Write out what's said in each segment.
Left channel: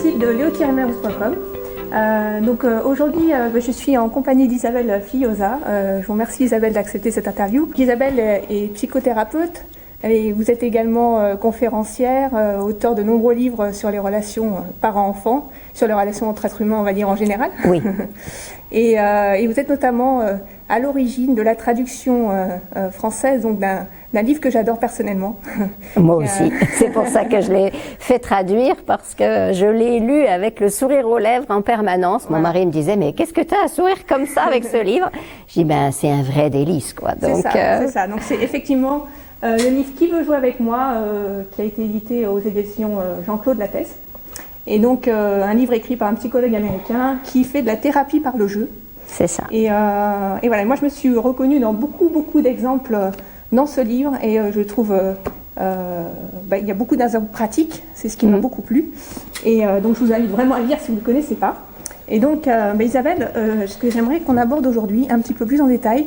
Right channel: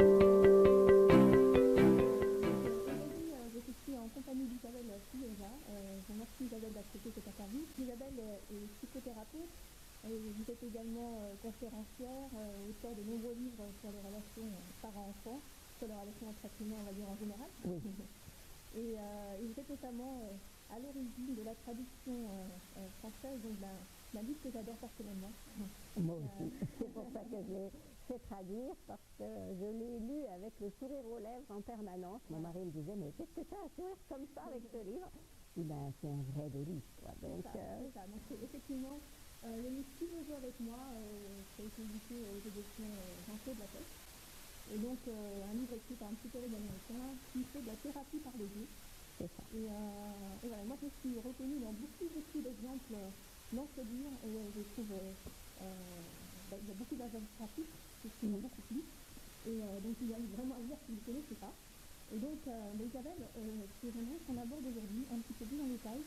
site de leo-meuse.com. Aujourd'hui, je suis en compagnie d'Isabelle Fillosa. Je vous remercie Isabelle d'accepter cette interview. Isabelle est psychothérapeute et vous êtes également conférencière, auteure de nombreux livres sur les relations parents-enfants, sur les relations entre êtres humains, on va dire en général. Oui. Et vous êtes notamment à l'origine de la traduction française donc d'un livre que j'adore personnellement. Moi aussi. C'est pour ça que je l'ai fait traduire, parce que je l'ai lu avec le sourire aux lèvres en permanence. Mon mari me disait, mais qu'est-ce que tu as à sourire comme ça avec ce livre? Je dis, ben, c'est un vrai délice, quoi. Donc, c'est ça. Donc c'est effectivement le livre Qui veut jouer avec moi, qui a été édité aux éditions Jean-Claude Lattès. Et donc un livre écrit par un psychologue américain qui fait de la thérapie par le jeu. C'est ça. Et voilà, moi je me suis reconnue dans beaucoup d'exemples dans ce livre, et je trouve il y a beaucoup d'exemples pratiques, c'est ce qui m'a beaucoup plu. Et donc je vous invite vraiment à le lire si vous ne le connaissez pas. Et donc Isabelle, ce que j'aimerais qu'on aborde aujourd'hui un petit peu plus en détail,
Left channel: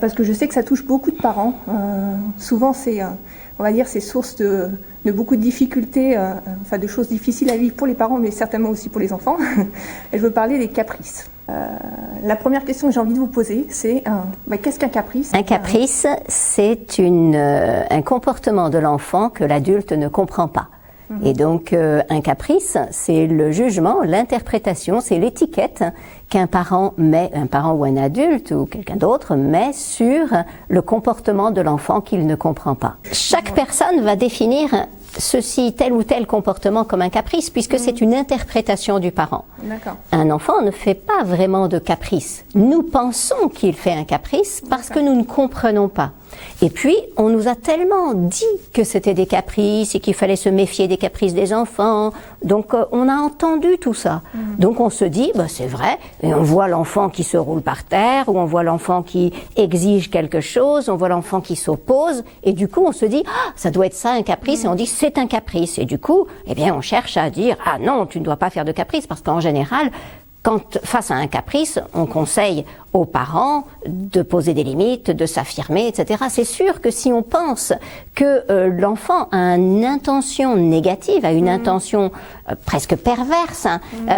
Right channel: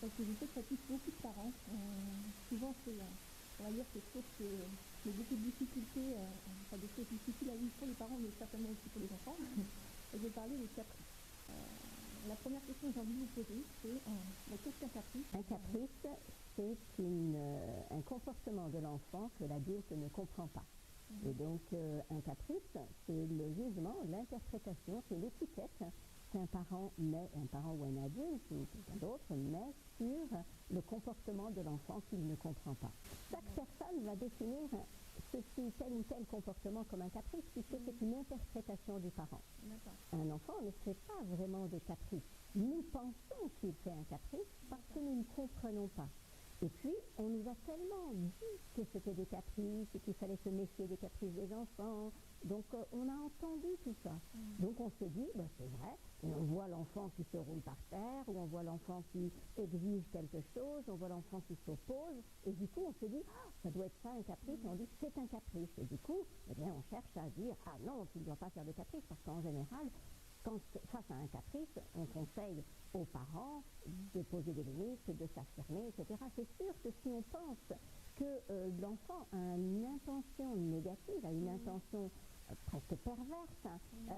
parce que je sais que ça touche beaucoup de parents. Souvent c'est, on va dire, c'est source de beaucoup de difficultés, de choses difficiles à vivre pour les parents, mais certainement aussi pour les enfants. Et je veux parler des caprices. La première question que j'ai envie de vous poser, c'est qu'est-ce qu'un caprice? Un caprice, c'est un comportement de l'enfant que l'adulte ne comprend pas. Et donc, un caprice, c'est le jugement, l'interprétation, c'est l'étiquette qu'un parent met, un parent ou un adulte ou quelqu'un d'autre met sur le comportement de l'enfant qu'il ne comprend pas. Chaque personne va définir tel ou tel comportement comme un caprice, puisque c'est une interprétation du parent. Un enfant ne fait pas vraiment de caprice. Nous pensons qu'il fait un caprice parce que nous ne comprenons pas. Et puis, on nous a tellement dit que c'était des caprices et qu'il fallait se méfier des caprices des enfants. Donc, on a entendu tout ça. Donc, on se dit, c'est vrai, et on voit l'enfant qui se roule par terre, ou on voit l'enfant qui exige quelque chose, on voit l'enfant qui s'oppose, et du coup, on se dit, ça doit être ça, un caprice, et on dit, c'est un caprice. Et du coup, on cherche à dire, ah non, tu ne dois pas faire de caprice, parce qu'en général, quand face à un caprice, on conseille aux parents de poser des limites, de s'affirmer, etc. C'est sûr que si on pense que l'enfant a une intention négative, a une intention presque perverse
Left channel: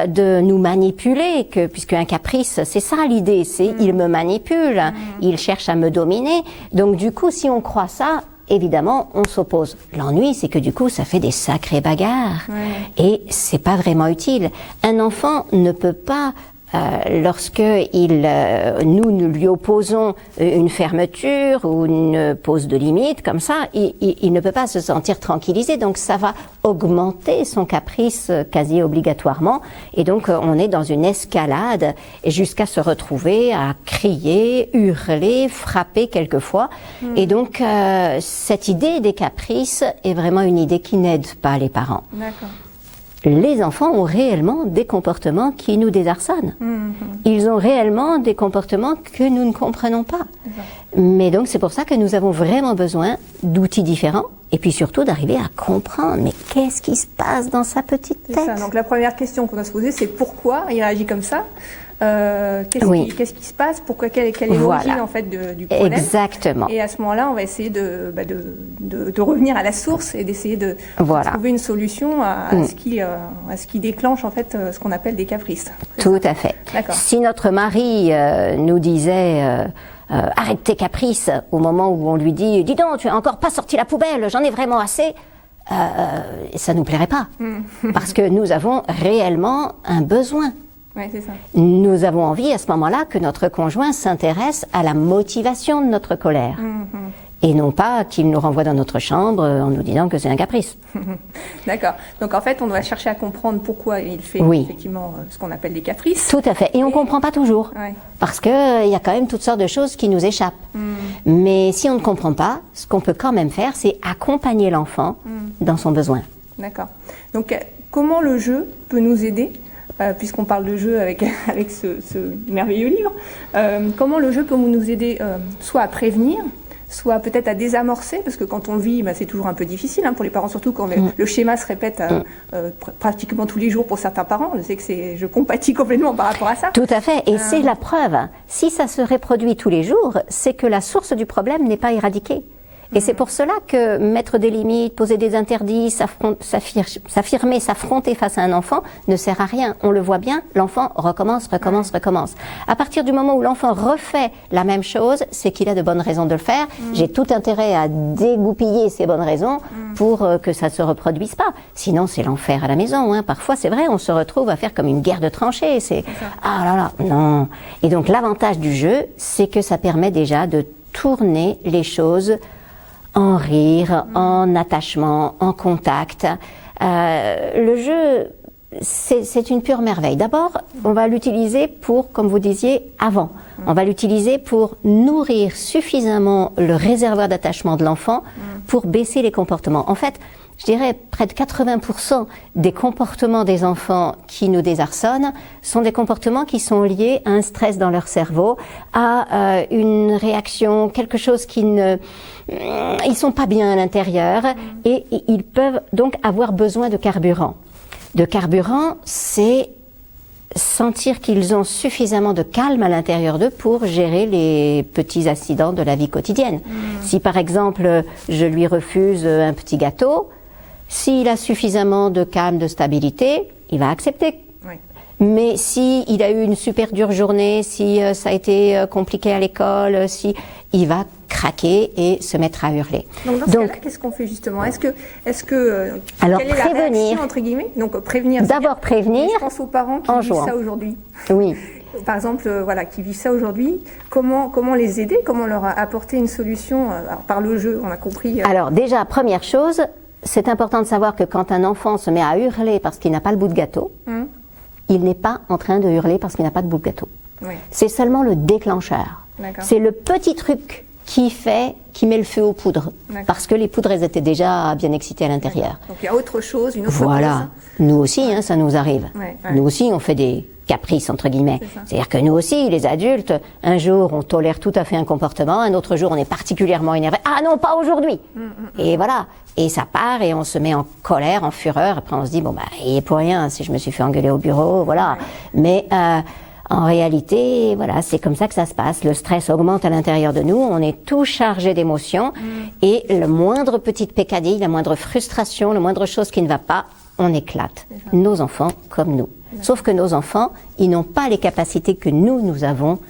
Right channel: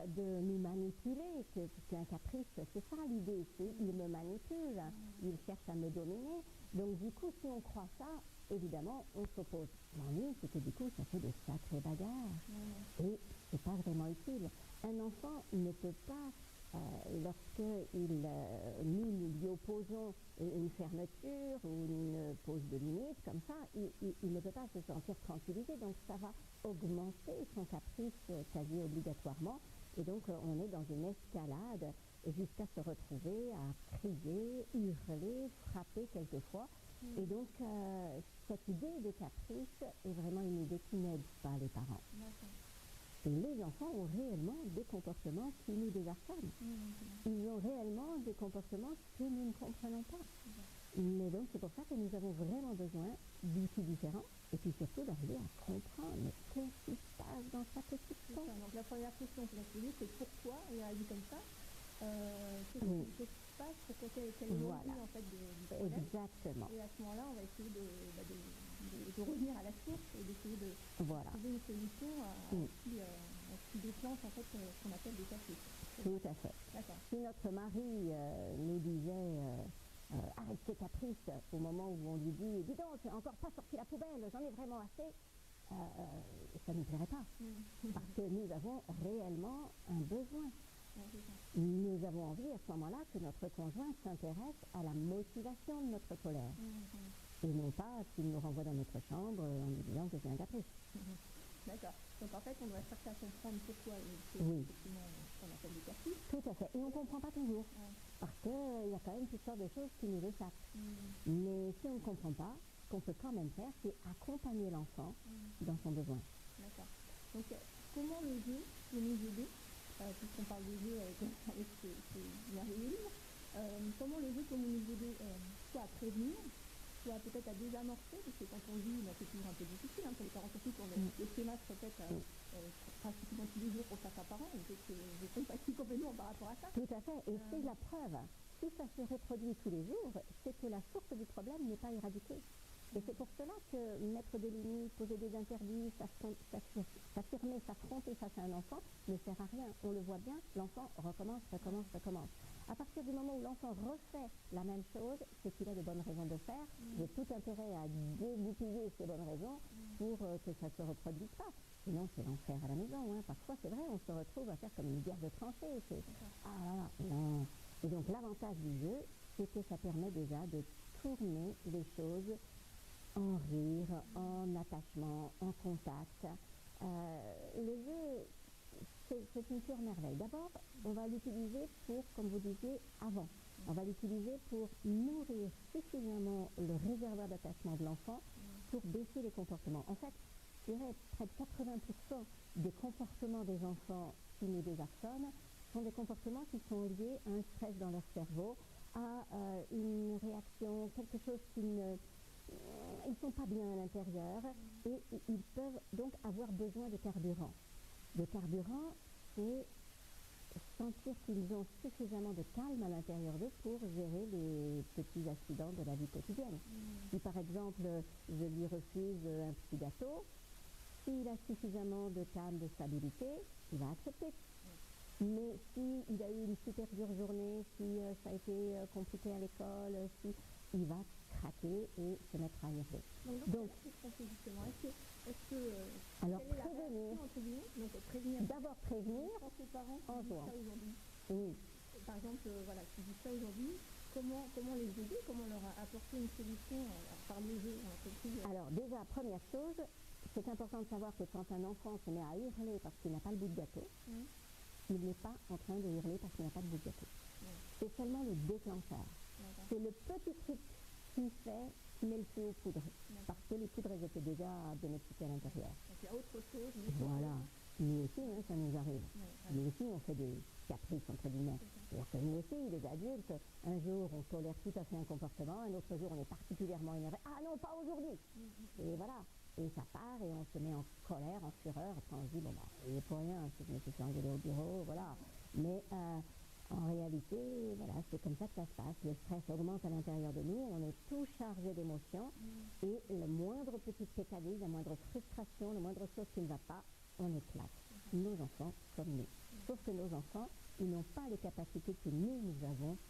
de nous manipuler, puisque un caprice, c'est ça l'idée, c'est il me manipule, il cherche à me dominer. Donc du coup, si on croit ça, évidemment, on s'oppose. L'ennui, c'est que du coup, ça fait des sacrées bagarres. Et c'est pas vraiment utile. Un enfant ne peut pas, lorsque nous lui opposons une fermeture ou une pose de limite, comme ça, il ne peut pas se sentir tranquillisé. Donc, ça va augmenter son caprice quasi obligatoirement. Et donc, on est dans une escalade jusqu'à se retrouver à crier, hurler, frapper quelquefois. Et donc, cette idée des caprices est vraiment une idée qui n'aide pas les parents. Les enfants ont réellement des comportements qui nous désarçonnent. Ils ont réellement des comportements que nous ne comprenons pas. Mais donc c'est pour ça que nous avons vraiment besoin d'outils différents, et puis surtout d'arriver à comprendre, mais qu'est-ce qui se passe dans sa petite tête? Donc la première question qu'on doit se poser, c'est pourquoi il réagit comme ça? Qu'est-ce qui se passe? Pourquoi, quelle est l'origine en fait du problème? Exactement. Et à ce moment-là, on va essayer de revenir à la source et d'essayer de trouver une solution à ce qui déclenche en fait ce qu'on appelle des caprices. Tout à fait. Si notre mari nous disait arrête tes caprices au moment où on lui dit dis donc, tu n'as encore pas sorti la poubelle, j'en ai vraiment assez, ça ne nous plairait pas. Parce que nous avons réellement un besoin. C'est ça. Nous avons envie à ce moment-là que notre conjoint s'intéresse à la motivation de notre colère. Et non pas qu'il nous renvoie dans notre chambre en nous disant que c'est un caprice. D'accord. Donc en fait, on doit chercher à comprendre pourquoi il fait effectivement ce qu'on appelle des caprices. Tout à fait. Et on ne comprend pas toujours. Parce qu'il y a quand même toutes sortes de choses qui nous échappent. Mais si on ne comprend pas, ce qu'on peut quand même faire, c'est accompagner l'enfant dans son besoin. D'accord. Donc comment le jeu peut nous aider, puisqu'on parle de jeu avec ce merveilleux livre, comment le jeu peut nous aider soit à prévenir, soit peut-être à désamorcer, parce que quand on le vit, c'est toujours un peu difficile pour les parents, surtout quand le schéma se répète pratiquement tous les jours pour certains parents. Je sais que je compatis complètement par rapport à ça. Tout à fait, et c'est la preuve. Si ça se reproduit tous les jours, c'est que la source du problème n'est pas éradiquée. Et c'est pour cela que mettre des limites, poser des interdits, s'affirmer, s'affronter face à un enfant ne sert à rien. On le voit bien, l'enfant recommence. À partir du moment où l'enfant refait la même chose, c'est qu'il a de bonnes raisons de le faire. J'ai tout intérêt à dégoupiller ces bonnes raisons pour que ça ne se reproduise pas. Sinon, c'est l'enfer à la maison. Hein. Parfois, c'est vrai, on se retrouve à faire comme une guerre de tranchées. C'est ah là là, non. Et donc, l'avantage du jeu, c'est que ça permet déjà de tourner les choses en rire, en attachement, en contact. Le jeu, c'est une pure merveille. D'abord, on va l'utiliser pour, comme vous disiez, avant. On va l'utiliser pour nourrir suffisamment le réservoir d'attachement de l'enfant pour baisser les comportements. En fait, je dirais près de 80% des comportements des enfants qui nous désarçonnent sont des comportements qui sont liés à un stress dans leur cerveau, à une réaction, quelque chose qui ne... Ils sont pas bien à l'intérieur et ils peuvent donc avoir besoin de carburant. De carburant, c'est sentir qu'ils ont suffisamment de calme à l'intérieur d'eux pour gérer les petits accidents de la vie quotidienne. Si par exemple, je lui refuse un petit gâteau, s'il a suffisamment de calme, de stabilité, il va accepter. Oui. Mais s'il a eu une super dure journée, si ça a été compliqué à l'école, si il va craquer et se mettre à hurler. Donc dans ce cas-là, qu'est-ce qu'on fait justement? Est-ce que alors quelle est la réaction, entre guillemets? Donc prévenir. D'abord prévenir. Je pense aux parents qui vivent ça aujourd'hui. Oui. Par exemple, voilà, qui vivent ça aujourd'hui. Comment les aider? Comment leur apporter une solution? Alors, par le jeu, on a compris. Alors déjà, première chose, c'est important de savoir que quand un enfant se met à hurler parce qu'il n'a pas le bout de gâteau, il n'est pas en train de hurler parce qu'il n'a pas de bout de gâteau. Oui. C'est seulement le déclencheur. C'est le petit truc qui met le feu aux poudres. Parce que les poudres, elles étaient déjà bien excitées à l'intérieur. Donc il y a autre chose, une autre voilà. cause. Nous aussi, hein, ça nous arrive. Nous aussi, on fait des caprices, entre guillemets. C'est-à-dire que nous aussi, les adultes, un jour, on tolère tout à fait un comportement, un autre jour, on est particulièrement énervé. Ah non, pas aujourd'hui. Et voilà. Et ça part et on se met en colère, en fureur. Après, on se dit, bon, bah, il est pour rien si je me suis fait engueuler au bureau, voilà. Mais en réalité, voilà, c'est comme ça que ça se passe. Le stress augmente à l'intérieur de nous, on est tout chargé d'émotions et le moindre petite peccadille, la moindre frustration, la moindre chose qui ne va pas, on éclate. Nos enfants comme nous. Sauf que nos enfants, ils n'ont pas les capacités que nous avons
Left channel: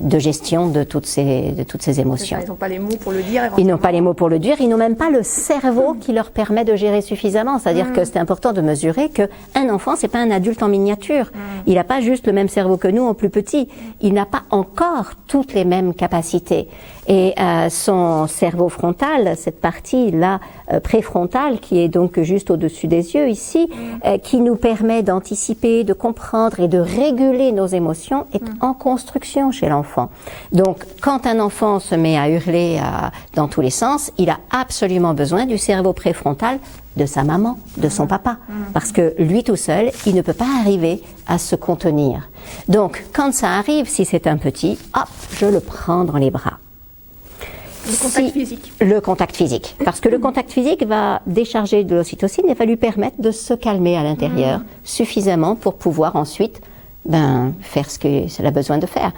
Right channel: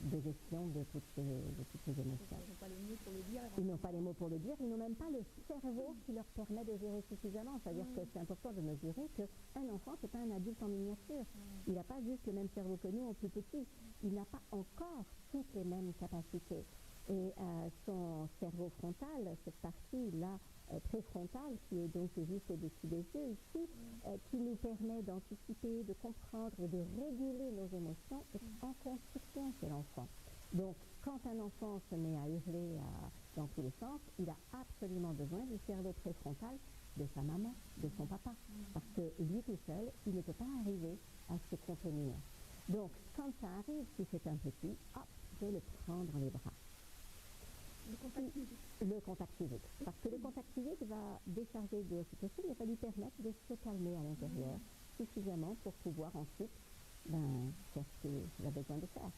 de gestion de toutes ces émotions. Ils n'ont pas les mots pour le dire. Ils n'ont pas les mots pour le dire, ils n'ont même pas le cerveau qui leur permet de gérer suffisamment. C'est-à-dire que c'est important de mesurer qu'un enfant, c'est pas un adulte en miniature. Il n'a pas juste le même cerveau que nous en plus petit. Il n'a pas encore toutes les mêmes capacités. Et son cerveau frontal, cette partie-là préfrontale, qui est donc juste au-dessus des yeux ici, qui nous permet d'anticiper, de comprendre et de réguler nos émotions, est en construction chez l'enfant. Donc, quand un enfant se met à hurler dans tous les sens, il a absolument besoin du cerveau préfrontal de sa maman, de son papa, parce que lui tout seul, il ne peut pas arriver à se contenir. Donc, quand ça arrive, si c'est un petit, hop, je le prends dans les bras. Le contact physique. Le contact physique. Parce que le contact physique va décharger de l'ocytocine et va lui permettre de se calmer à l'intérieur suffisamment pour pouvoir ensuite faire ce qu'elle a besoin de faire.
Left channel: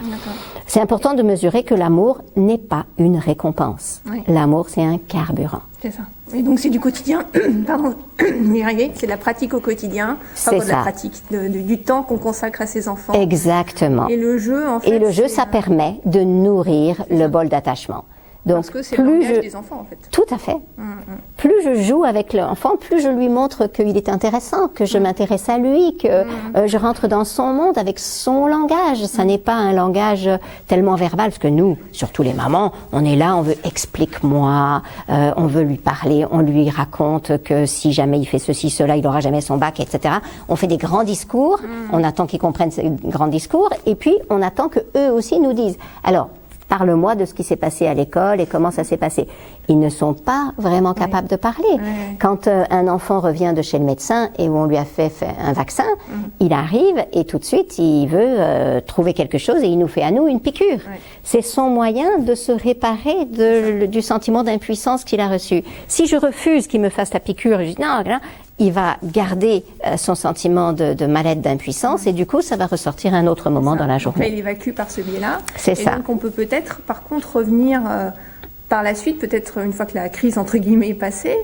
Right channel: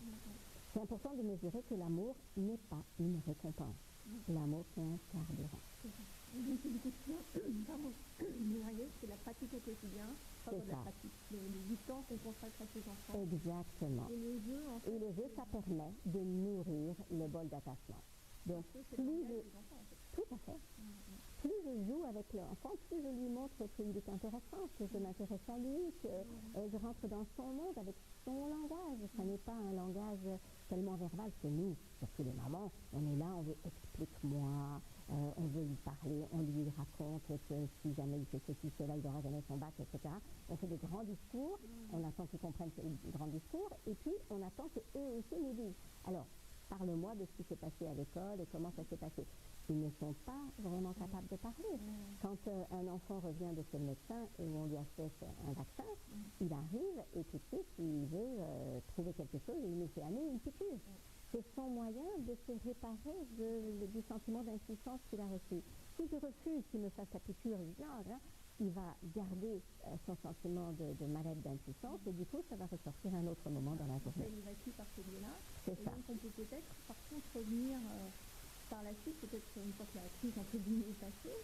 C'est important de mesurer que l'amour n'est pas une récompense. Oui. L'amour, c'est un carburant. C'est ça. Et donc c'est du quotidien, pardon, c'est de la pratique au quotidien, c'est ça. De la pratique, du temps qu'on consacre à ses enfants. Exactement. Et le jeu, en fait. Et le jeu, ça permet de nourrir le bol d'attachement. Donc, parce que c'est le langage des enfants, en fait. Tout à fait. Plus je joue avec l'enfant, plus je lui montre qu'il est intéressant, que je m'intéresse à lui, que je rentre dans son monde avec son langage. Ça n'est pas un langage tellement verbal, parce que nous, surtout les mamans, on est là, on veut explique-moi, on veut lui parler, on lui raconte que si jamais il fait ceci, cela, il n'aura jamais son bac, etc. On fait des grands discours, on attend qu'ils comprennent ces grands discours, et puis on attend qu'eux aussi nous disent. Alors, parle-moi de ce qui s'est passé à l'école et comment ça s'est passé. Ils ne sont pas vraiment capables de parler. Quand un enfant revient de chez le médecin et où on lui a fait un vaccin, il arrive et tout de suite, il veut trouver quelque chose et il nous fait à nous une piqûre. C'est son moyen de se réparer du sentiment d'impuissance qu'il a reçu. Si je refuse qu'il me fasse la piqûre, je dis non, il va garder son sentiment de mal-être, d'impuissance, et du coup, ça va ressortir à un autre moment dans la journée. Donc là, il évacue par ce biais-là. C'est ça. Donc, on peut peut-être, par contre, revenir par la suite, peut-être une fois que la crise entre guillemets est passée,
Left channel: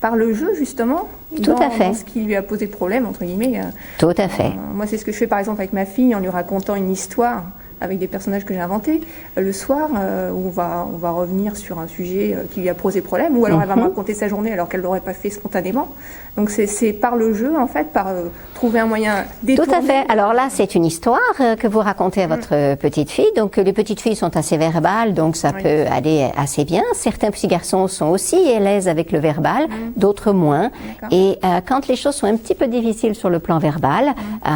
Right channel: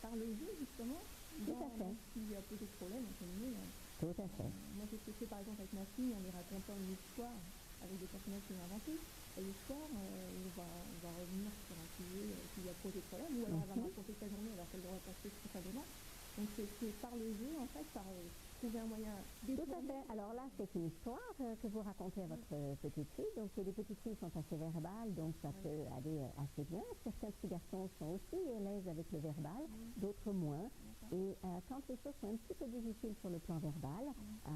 par le jeu justement, Tout à fait. dans ce qui lui a posé problème entre guillemets. Tout à fait. Moi, c'est ce que je fais par exemple avec ma fille en lui racontant une histoire avec des personnages que j'ai inventés le soir, où on va revenir sur un sujet qui lui a posé problème, ou alors elle va me raconter sa journée alors qu'elle ne l'aurait pas fait spontanément. Donc c'est par le jeu, en fait, par trouver un moyen détourné. Tout à fait. Alors là, c'est une histoire que vous racontez à votre petite fille. Donc les petites filles sont assez verbales, donc ça peut aller assez bien. Certains petits garçons sont aussi à l'aise avec le verbal, d'autres moins. Et quand les choses sont un petit peu difficiles sur le plan verbal,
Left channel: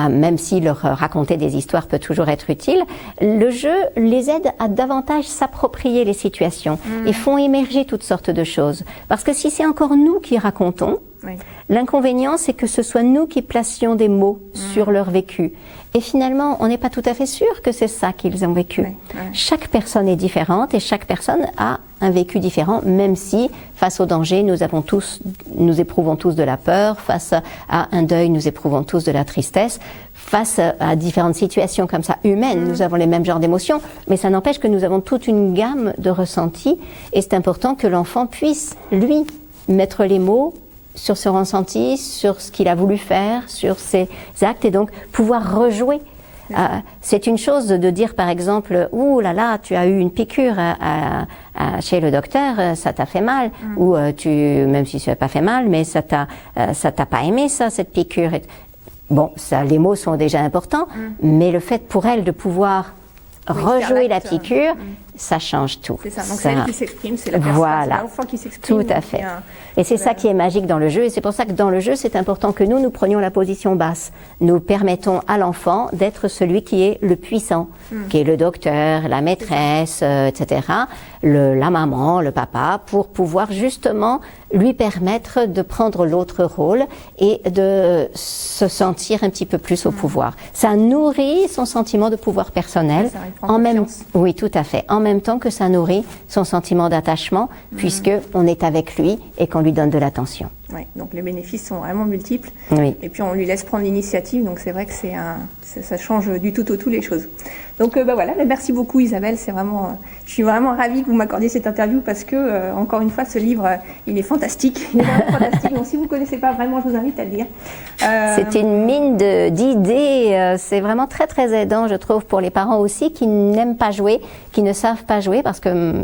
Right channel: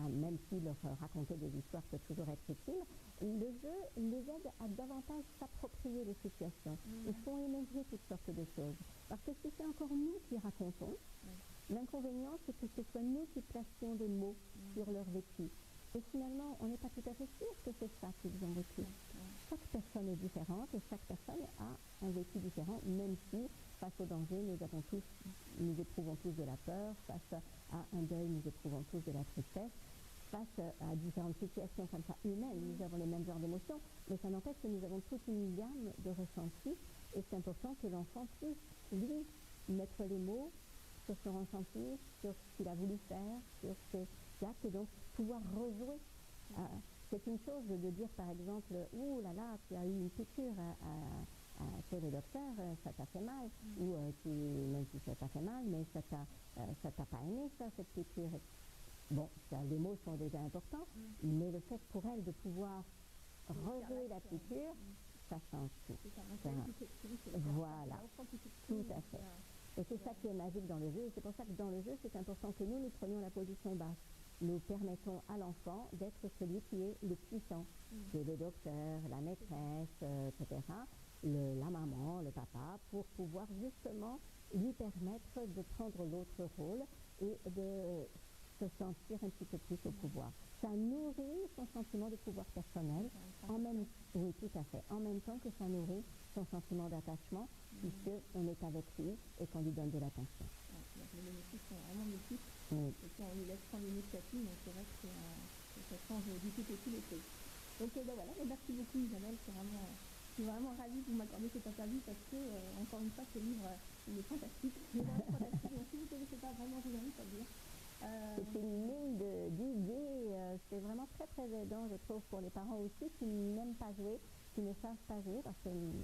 même si leur raconter des histoires peut toujours être utile, le jeu les aide à davantage s'approprier les situations et font émerger toutes sortes de choses. Parce que si c'est encore nous qui racontons, l'inconvénient c'est que ce soit nous qui placions des mots sur leur vécu. Et finalement, on n'est pas tout à fait sûr que c'est ça qu'ils ont vécu. Chaque personne est différente et chaque personne a un vécu différent, même si, face au danger, nous éprouvons tous de la peur, face à un deuil, nous éprouvons tous de la tristesse, face à différentes situations comme ça, humaines, nous avons les mêmes genres d'émotions, mais ça n'empêche que nous avons toute une gamme de ressentis, et c'est important que l'enfant puisse, lui, mettre les mots sur ce ressenti, sur ce qu'il a voulu faire, sur ses actes, et donc pouvoir rejouer. C'est une chose de dire par exemple, ouh là là, tu as eu une piqûre chez le docteur, ça t'a fait mal, ou même si ça n'a pas fait mal, mais ça t'a pas aimé ça, cette piqûre. Bon, ça, les mots sont déjà importants, mais le fait pour elle de pouvoir rejouer la piqûre, ça change tout. C'est ça, donc c'est elle qui s'exprime, c'est la personne, c'est l'enfant qui s'exprime. Tout à fait. Et c'est ça qui est magique dans le jeu, et c'est pour ça que dans le jeu, c'est important que nous prenions la position basse. Nous permettons à l'enfant d'être celui qui est le puissant, qui est le docteur, la maîtresse, etc., la maman, le papa, pour pouvoir justement lui permettre de prendre l'autre rôle et de se sentir un petit peu plus au pouvoir. Ça nourrit son sentiment de pouvoir personnel, oui, tout à fait, en même temps que ça nourrit son sentiment d'attachement, puisque on est avec lui et qu'on lui donne de l'attention. Oui, donc les bénéfices sont vraiment multiples. Oui. Et puis on lui laisse prendre l'initiative, donc c'est vrai que ça change du tout au tout les choses. Donc voilà, merci beaucoup Isabelle, je suis vraiment ravie que vous m'accordiez cette interview parce que, encore une fois, ce livre, il est fantastique. Il est vraiment fantastique, donc si vous ne connaissez pas vraiment, je vous invite à le lire. C'est une mine d'idées, c'est vraiment très très aidant, je trouve, pour les parents aussi qui n'aiment pas jouer, qui ne savent pas jouer, parce que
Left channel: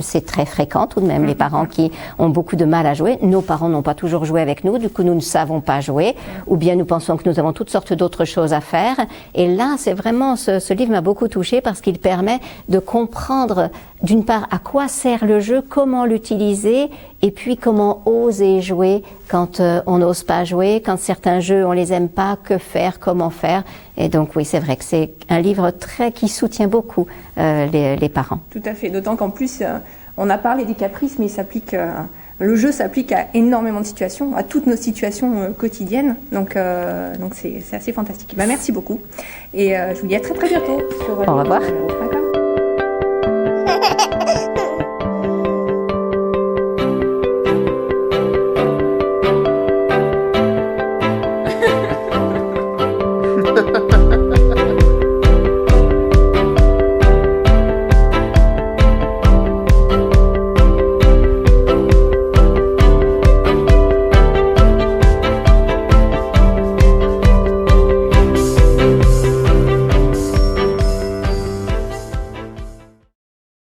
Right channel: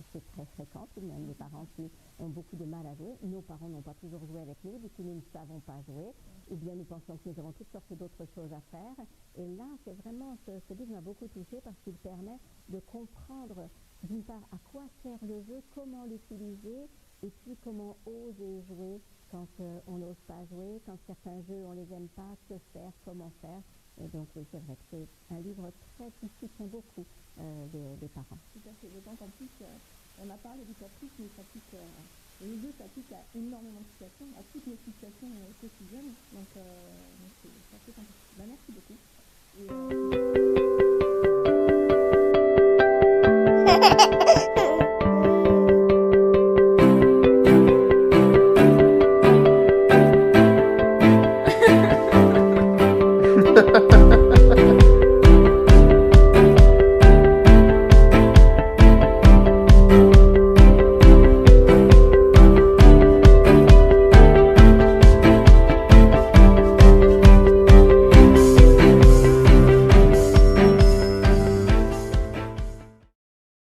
c'est très fréquent tout de même, les parents qui ont beaucoup de mal à jouer. Nos parents n'ont pas toujours joué avec nous, du coup nous ne savons pas jouer, ou bien nous pensons que nous avons toutes sortes d'autres choses à faire. Et là, c'est vraiment, ce livre m'a beaucoup touchée parce qu'il permet de comprendre d'une part à quoi sert le jeu, comment l'utiliser, et puis comment oser jouer quand on n'ose pas jouer, quand certains jeux on les aime pas, que faire, comment faire. Et donc oui, c'est vrai que c'est un livre qui soutient beaucoup les parents. Tout à fait, d'autant qu'en plus on a parlé des caprices, mais le jeu s'applique à énormément de situations, à toutes nos situations quotidiennes. Donc c'est assez fantastique. Merci beaucoup. Et je vous dis à très très bientôt. Au revoir.